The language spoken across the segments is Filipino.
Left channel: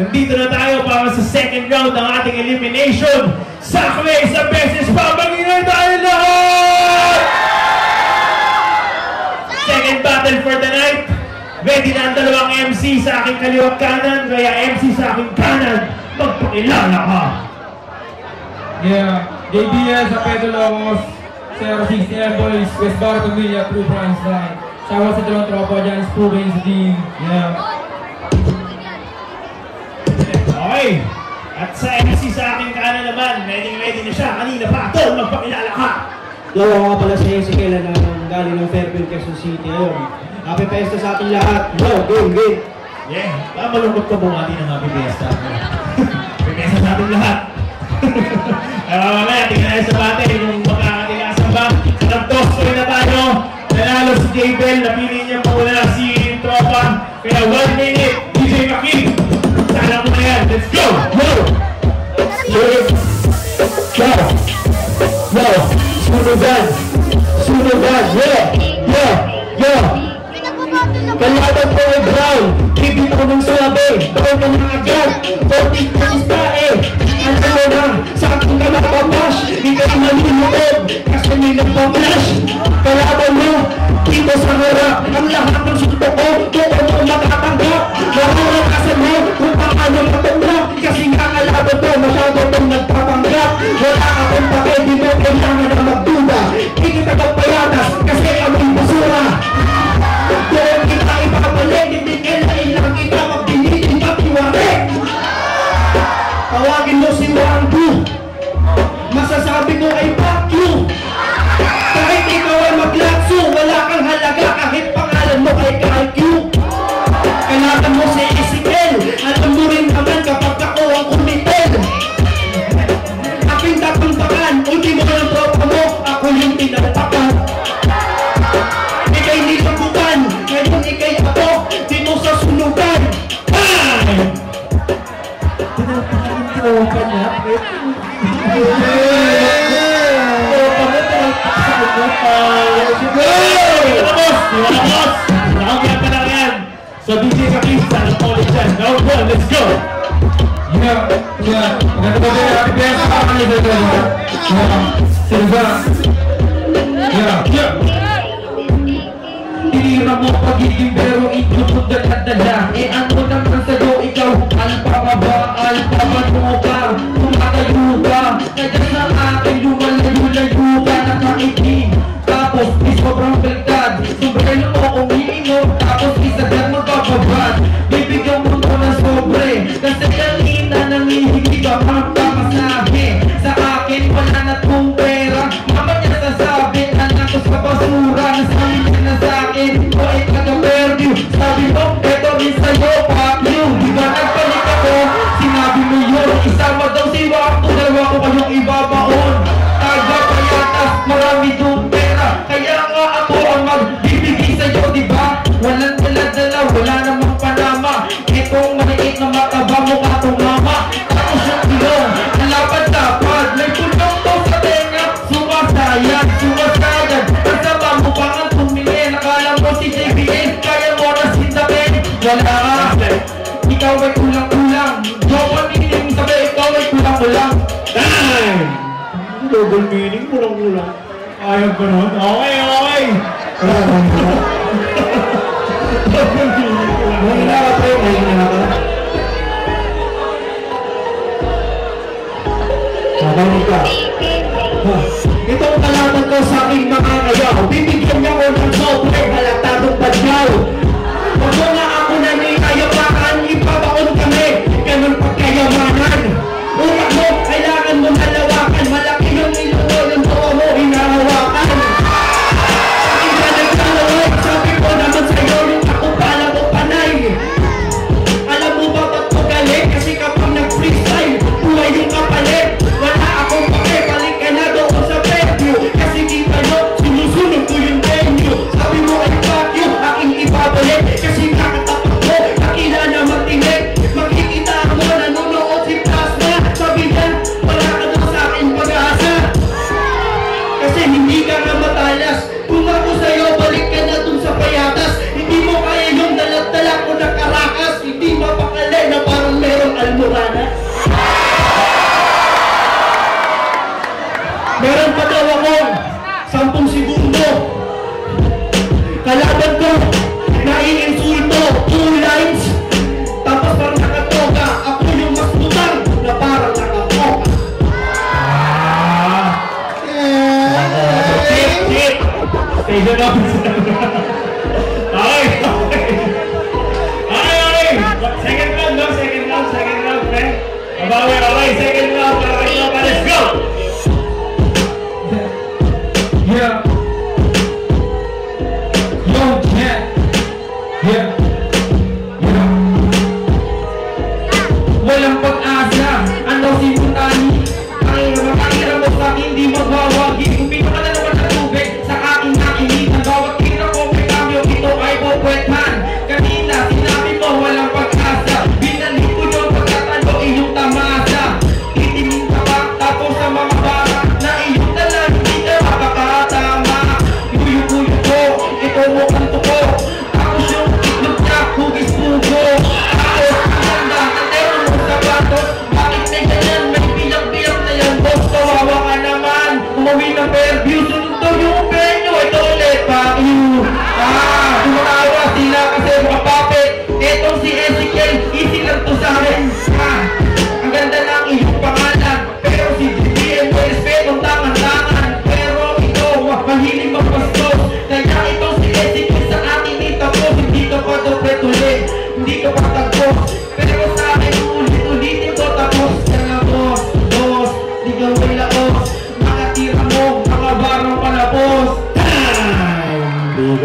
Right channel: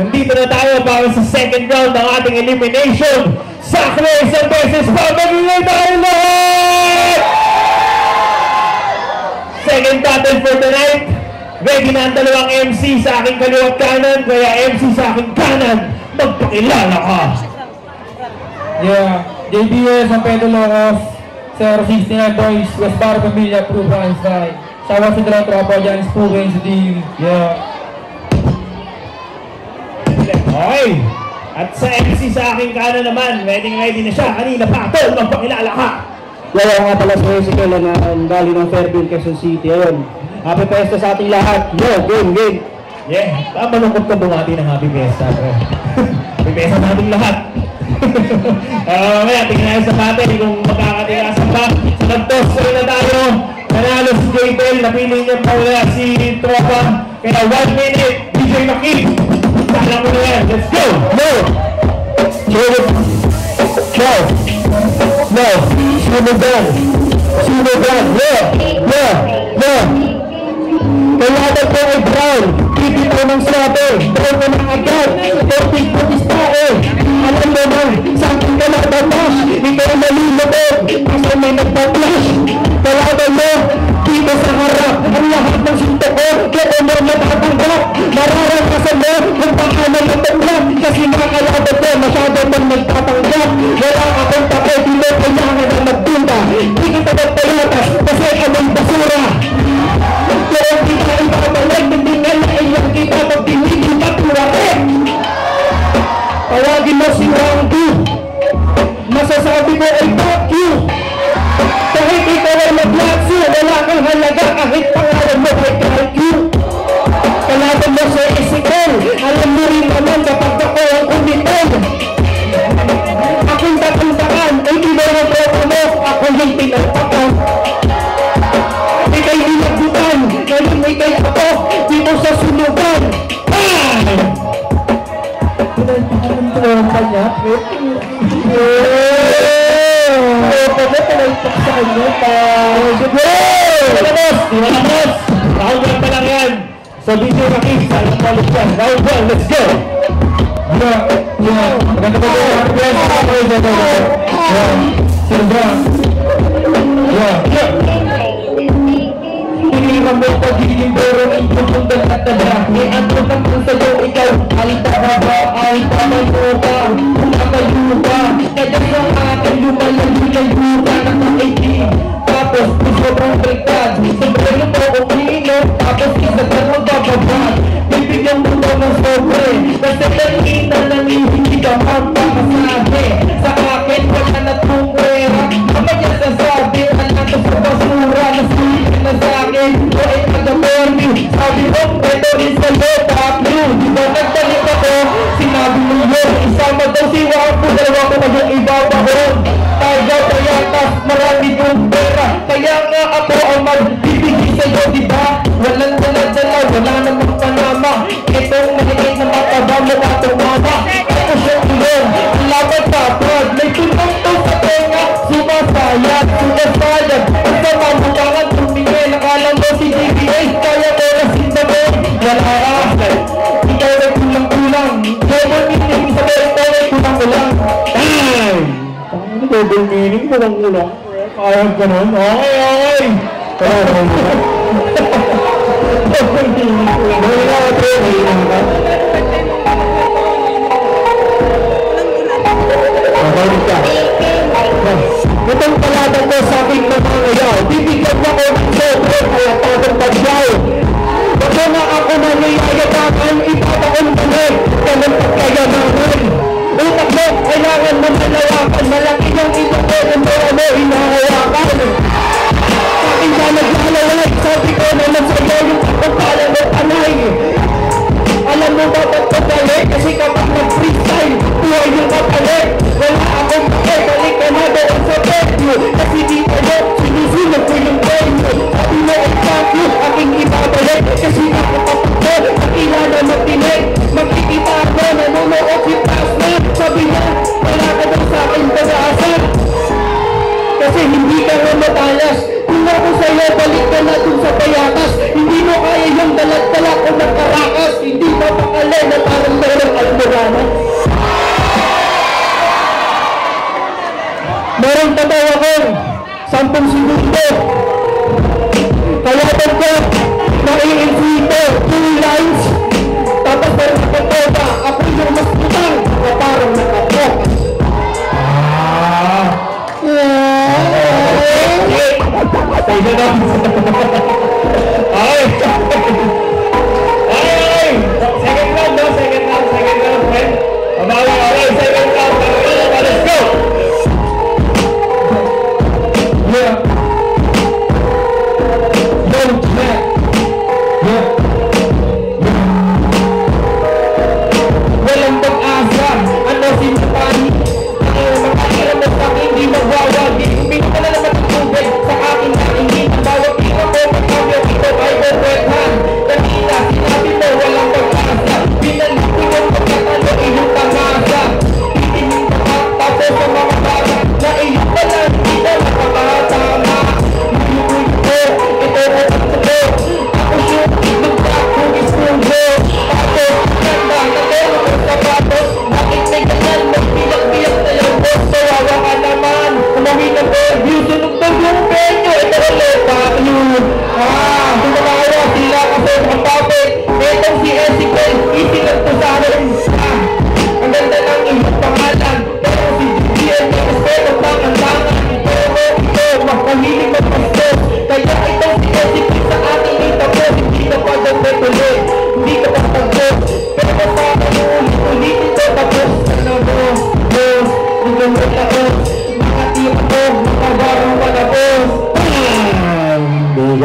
Nandito na tayo para sa second round ng ating elimination. Sakme, isang beses pa, mag-ingay tayo lahat! Second battle for the night. Ready na ang dalawang MC sa aking kaliwat kanan, kaya MC sa aking kanan, magpakilala ka! Yeah, JBS and Pedro Locos, 069 Boys, West Barra Familia, True Einstein. Shout out sa dalawang tropa dyan, Spoon, si Dean. Yeah. Okay. At sa MC sa aking kanan naman, ready na siya. Kanina pa ito, magpakilala ka! Yo, nga pala si Ezekiel na galing ng Fairview, Quezon City. Ayun. Happy Fiesta sa ating lahat. Yo, game. Yeah, malungkot ka bumati ng Happy Fiesta. Happy Fiesta sa ating lahat. Mamaya, tingnan na sa bate kung makakatira sa back. Sa nagtos, tuloy na tayo. Nanalo si Gabriel, napili niya pa wala si Tropa. Kaya 1 minute, DJ Maki. Sana mo na yan, let's go! Go! Sunugan! Yeah! Kalihatag ko ay brown, kipin ko ng swabe, pero ka ng agad, 40 putis tae. Alam mo na, sa akin ka nagpapash, ikay nalilobog, basta may nagpaplash. Kalaban mo, dito sa harap, ang lahat ng sunto ko, kaya mo natatanggap. Mararakasan mo, kung baka mo natanggap, kasi makalaban mo, masyado pang nagtatanggap. Wala akong papel, di mo kailangan na magtumba. Di kita nagpayatas, kasi kaming basura. Kaya kita ipapabalik, hindi nila ilang kita magpinigil na tuwate. Tawagin mo si Wangdu, masasabi mo ay fuck you. Kahit ikaw ay mag-lakso, wala kang halaga kahit pangalan mo ay kahit you. Kalaban mo sa Ezekiel, alam mo rin naman kapag ako ang kumitel. Aking tapuntakan, ay di mo ng tropa mo, ako yung pinagtakan. Ika'y nilagutan, ganun ika'y ako, dito sa sunugan. Ay! Ang tropa niya, So DJ Maki, round 1, let's go! Yeah. Maganda ba kayo? Happy Fiesta sa mga ito. Yeah. Sino ba? Yeah. Tiniliman mo pagiging pero inyong sundan at dala. Ang tunang kung sa'yo ikaw, ang tama ba? Ang tama mo ka? Kung nakayo ka, kaya sa akin lumalayo ka na kaibig. Tapos di sobrang baliktad, sobrang ito akong iinom. Tapos isa ka mo bababad, bibigyan mo ka ng sobre. Kasi kanina nangihingi ka pang pamasahe. Sa akin wala na tong pera, kapag sasabi na nato sa basura. Nasulit na sa akin, o ay taga-permute. Sabi mo, eto rin sa'yo, fuck you. Nagpalit ako, sinabi mo yun. Isama daw si Wapo, dalawa ko pa yung iba pa on. Tagaw o yatas, marami yung pera. Kaya nga ako ang magbibigay sa'yo, diba? Walang dala-dala, wala namang panama. Itong maliit na mataba mo atong ama. Ako siya ilong, laban dapat. May tumutong sa tenga, sumasayag. Ang sama mo kangan tumingin. Nakala mo si TBA, kaya mo na sinabing. Nalakasal, ikaw ay kulang-kulang. Yoman meaning sa ito ay kulang-kulang. Time! Ang double meaning, kulang-kulang. Ayaw ko nun? Okay. Itong talata ko sa aking mga ngayaw, bibigyan mo ko ng sobre kaya tatang pagyaw. Bako nga ako na nayayapakan, ipapaon kami, ganun pagkayamanan. Utak mo, kailangan mo malalakan, malaki yung inyong ng mo, hinahawakan. Sabi ka naglalawag, sabi ko naman sa'yo, yung ako pala mo panay. Alam mo ba ba't ko galit? Kasi kapag nag-freestyle, buhay yung kapalit. Wala akong pake,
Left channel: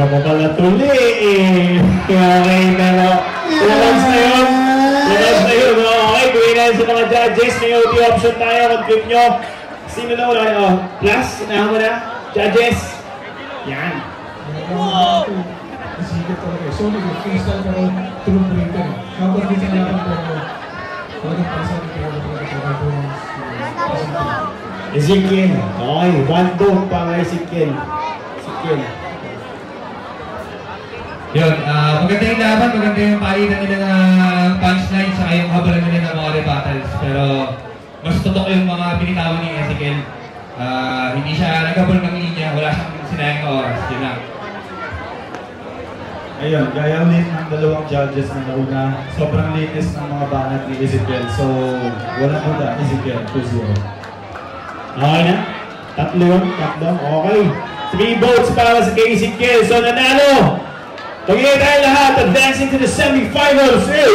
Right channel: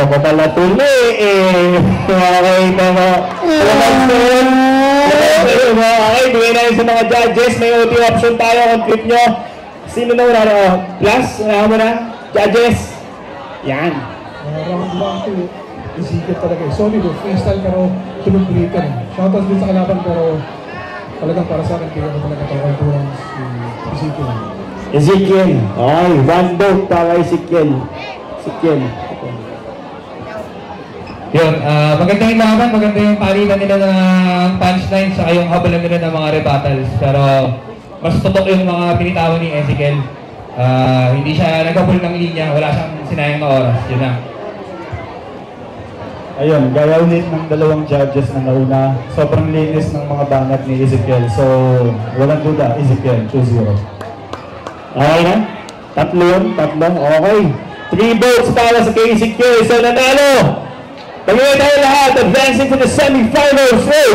ko pala tuloy eh. Okay na mo. Relax na yun. Relax na yun. Okay, bigay na yun sa mga judges. May OT option tayo. Complete nyo. Sino na wala na? Plus, na mo na. Judges. Yan. Isikip talaga eh. Solid eh. Freestyle pero tulog-breaker. Shoutout din sa kalaban pero talagang para sa akin pinakatawag ko ang Ezekiel. Ezekiel. Okay, one vote para Ezekiel. Ezekiel. Yun, maganda yung laban, maganda yung palitan nila ng punchline sa yung habalan nila ng mga rebuttals. Pero mas tutok yung mga pinitawan ni Ezekiel. Hindi siya nagkabul ng linya, wala siyang sinayang na oras. Yun na. Ayun, gaya ulit ng dalawang judges na nauna. Sobrang linis ng mga bangat ni Ezekiel. So, walang duda, Ezekiel, 2-0. Okay na? Tatlo. Okay. 3 votes para sa kay Ezekiel. So, nanalo! Pagkakita tayo lahat, advancing to the semi-finals is